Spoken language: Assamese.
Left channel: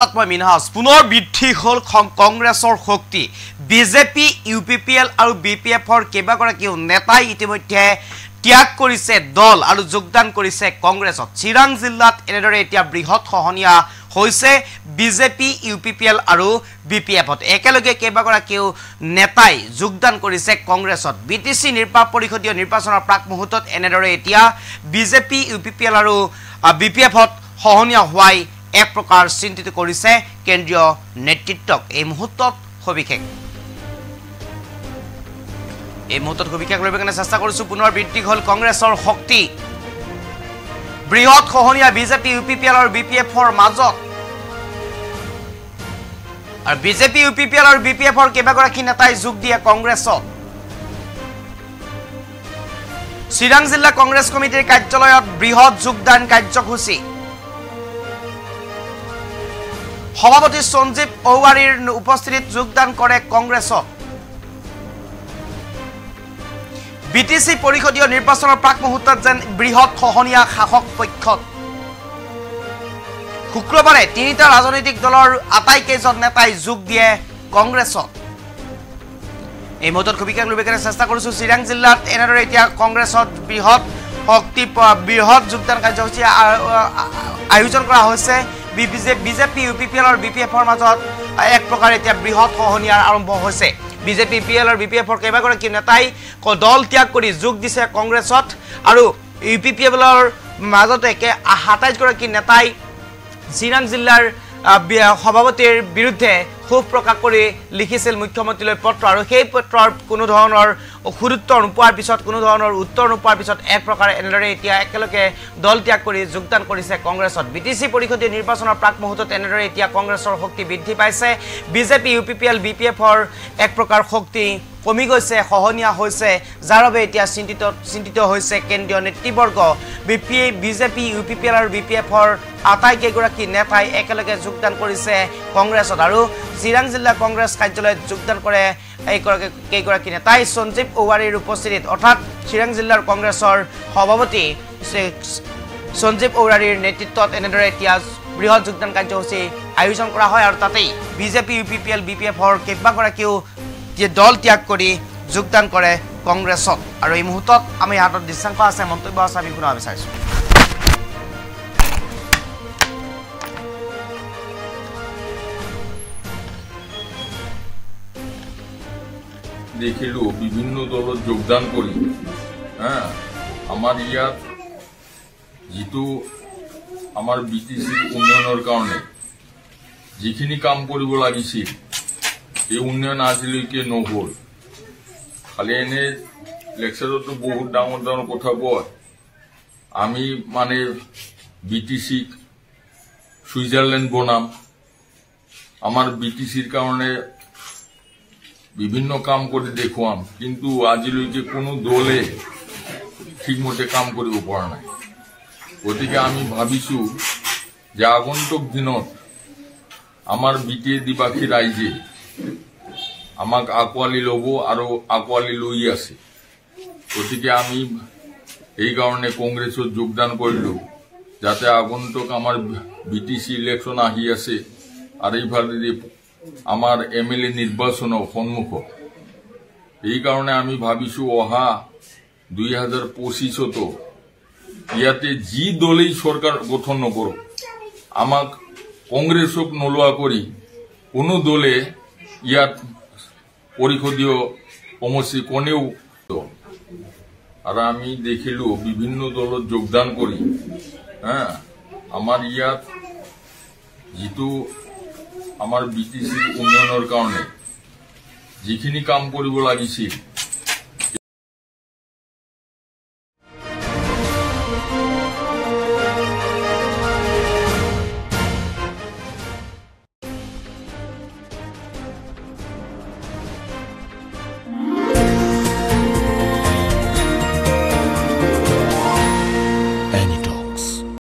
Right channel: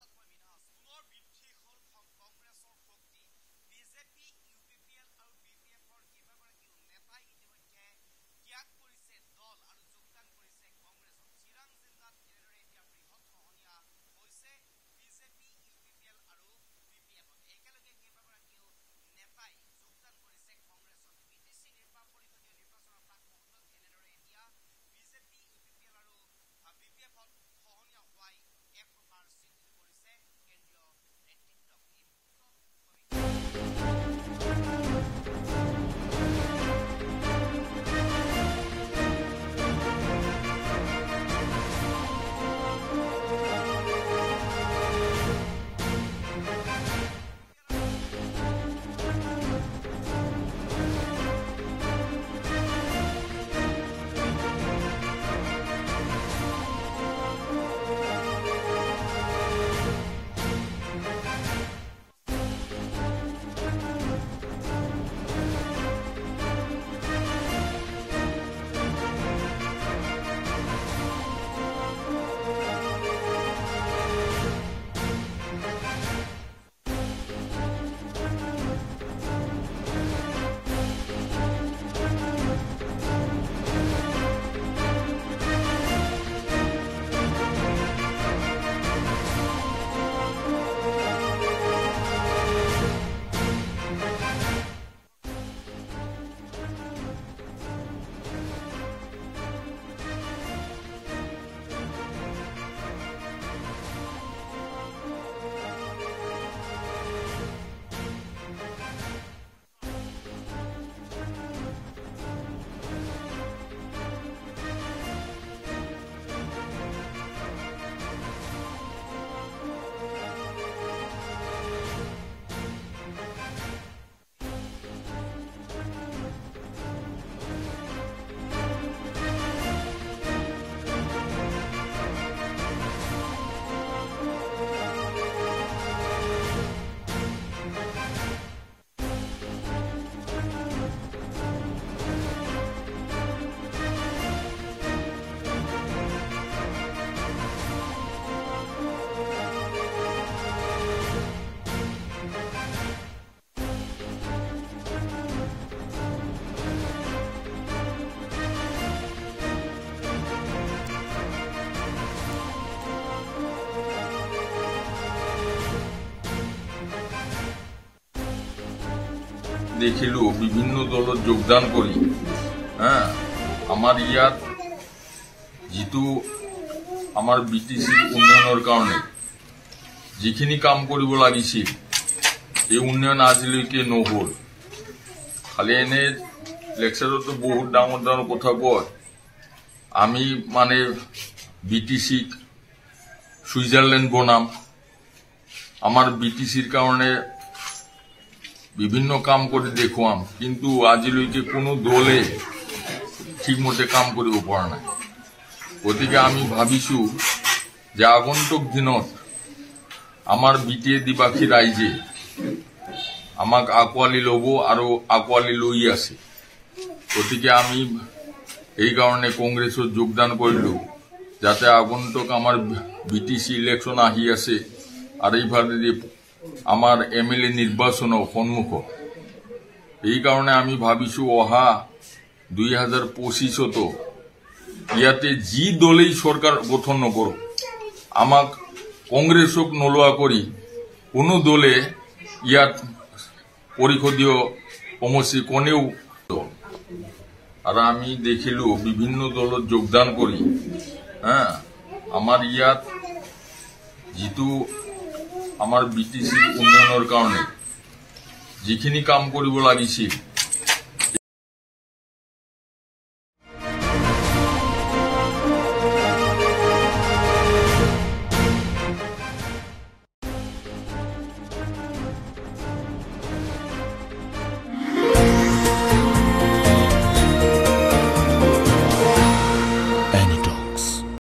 মিনহাজ পুনৰ বৃদ্ধি হল কংগ্ৰেছৰ শক্তি বিজেপি ইউপিপিএল আৰু বিপিএফৰ কেইবাগৰাকীও নেতাই ইতিমধ্যে ত্যাগ কৰিছে দল আৰু যোগদান কৰিছে কংগ্ৰেছত চিৰাং জিলাত এনেদৰে এতিয়া বৃহৎ খহনীয়া হৈছে বিজেপি ইউপিপিএল আৰু বিপিএফত একেলগে কেইবাগৰাকীও নেতাই যোগদান কৰিছে কংগ্ৰেছত বিটিসি পৰিষদীয় নিৰ্বাচনৰ প্ৰাক মুহূৰ্তত এনেদৰে এতিয়া বিজেপি ইউপিপিএল আৰু বিপিএফত খহনীয়া হোৱাই এক প্ৰকাৰ চিন্তিত কৰিছে কেন্দ্ৰীয় নেতৃত্বক এই মুহূৰ্তত সবিশেষ লবৰ কাৰণে চেষ্টা কৰিছো পুনৰ বৃদ্ধি হল কংগ্ৰেছৰ শক্তি বৃহৎ খহনীয়া বিজেপি ইউপিপিএল আৰু বিপিএফৰ মাজত আৰু বিজেপি ইউপিপিএল আৰু বিপিএফৰ কেইবাগৰাকী নেতাই যোগ দিয়ে কংগ্ৰেছত চিৰাং জিলা কংগ্ৰেছ কমিটিৰ কাৰ্যালয়ত বৃহৎ যোগদান কাৰ্যসূচী সভাপতি সঞ্জীৱ ঔৱাৰীৰ উপস্থিতিত যোগদান কৰে কংগ্ৰেছত বিটিসি পৰিষদীয় নিৰ্বাচনৰ প্ৰাক মুহূৰ্তত যেন বৃহৎ খহনীয়া শাসক পক্ষত শুক্ৰবাৰে তিনিটা ৰাজনৈতিক দলৰ আটাইকেইজন নেতাই যোগ দিয়ে কংগ্ৰেছত এই মুহূৰ্তত সবিশেষ লবৰ কাৰণে চেষ্টা কৰিছো চিৰাং জিলাত এনেদৰে এতিয়া কংগ্ৰেছত বৃহৎ যোগদান কাৰ্যসূচী আয়োজন কৰা হৈছে বিজেপি ইউপিপিএল আৰু বিপিএফৰ মাজত এক প্ৰকাৰ এতিয়া বৃহৎ খহনীয়াৰ আৰম্ভ হৈছে বিজেপি ইউপিপিএল আৰু বিপিএফৰ কেইবাগৰাকী নেতাই দল ত্যাগ কৰি যোগ দিছে কংগ্ৰেছত আৰু ইউপিপিএলৰ মাজতে ২৭ গৰাকী নেতাই চিৰাং জিলাৰ সভাপতিৰ বিৰুদ্ধে ক্ষোভ প্ৰকাশ কৰি লিখিছিল মুখ্যমন্ত্ৰীলৈ পত্ৰ আৰু সেই পত্ৰৰ কোনো ধৰণৰ গুৰুত্বৰ নোপোৱাৰ পিছত কোনো ধৰণৰ উত্তৰ নোপোৱাৰ পিছত এক প্ৰকাৰ এনেদৰে এতিয়া একেলগে দল ত্যাগ কৰি যোগদান কৰিছে কংগ্ৰেছত বিটিসি পৰিষদীয় নিৰ্বাচনৰ প্ৰাক মুহূৰ্তত এনেদৰে এতিয়া কংগ্ৰেছৰ শক্তি বৃদ্ধি পাইছে বিজেপি ইউপিপিএল বিপিএফৰ এক প্ৰকাৰ শক্তি কমি গৈছে খহনীয়া হৈছে যাৰ বাবে এতিয়া চিন্তিত হৈছে কেন্দ্ৰীয় নেতৃবৰ্গ বিজেপি ইউপিপিএল আৰু বিপিএফৰ আটাইকেইগৰাকী নেতাই একেলগে যোগদান কৰিছে কংগ্ৰেছত আৰু চিৰাং জিলা কংগ্ৰেছ কাৰ্যালয়ত যোগদান কৰে কেইগৰাকী নেতাই সঞ্জীৱ ঔৱাৰীৰ উপস্থিতিত অৰ্থাৎ চিৰাং জিলাৰ কংগ্ৰেছৰ সভাপতি সঞ্জীৱ ঔৱাৰীৰ নেতৃত্বত এনেদৰে এতিয়া বৃহৎ যোগদান কাৰ্যসূচী আয়োজন কৰা হয় আৰু তাতেই বিজেপি ইউপিপিএল বিপিএফৰ কেইবাগৰাকীও দল ত্যাগ কৰি যোগদান কৰে কংগ্ৰেছত আৰু এই মুহূৰ্তত আমি হাতত দৃশ্যাংক আছে মন্তব্য আছে আমি শুনাব বিচাৰিছো দেখিলো বিভিন্ন দলত যোগদান কৰি আমাৰ ইয়াত যিটো আমাৰ বিটিসিৰ উন্নয়নৰ কাৰণে যিখিনি কাম কৰিব লাগিছিল এই উন্নয়ন আজিলৈকে নহল খালি এনে লেকচাৰতো বহুত ডাঙৰ ডাঙৰ কথা কয় আমি মানে বিটিসিক সুইজাৰলেণ্ড বনাম আমাৰ বিটিসিৰ কাৰণে বিভিন্ন কাম কৰি দেখুৱাম কিন্তু আজিলৈকে কোনো দলে ঠিকমতে কাম কৰিব পৰা নাই গতিকে আমি ভাবিছো যে আগন্তুক দিনত আমাৰ বিটিএ দিবাসী ৰাইজে আমাক আকোৱালি ল'ব আৰু আকোৱালি লৈ আছে গতিকে আমি এই কাৰণে কংগ্ৰেছত যোগদান কৰিলো যাতে আগন্তুক আমাৰ বিটিসি ইলেকশ্যন আহি আছে আৰু এইফালে আমাৰ এমএলএ নিৰ্বাচনৰ সন্মুখত এই কাৰণে আমি ভাবিছো অহা 2025তো ইয়াতে যি দলেই চৰকাৰ গঠন নকৰক আমাক কংগ্ৰেছক নলোৱা কৰি কোনো দলে ইয়াত পৰিষদীয় সমষ্টি কোনেও আৰু আমি দেখিলো বিভিন্ন দলত যোগদান কৰি আমাৰ ইয়াত যিটো আমাৰ বিটিসিৰ উন্নয়নৰ কাৰণে যিখিনি কাম কৰিব লাগিছিল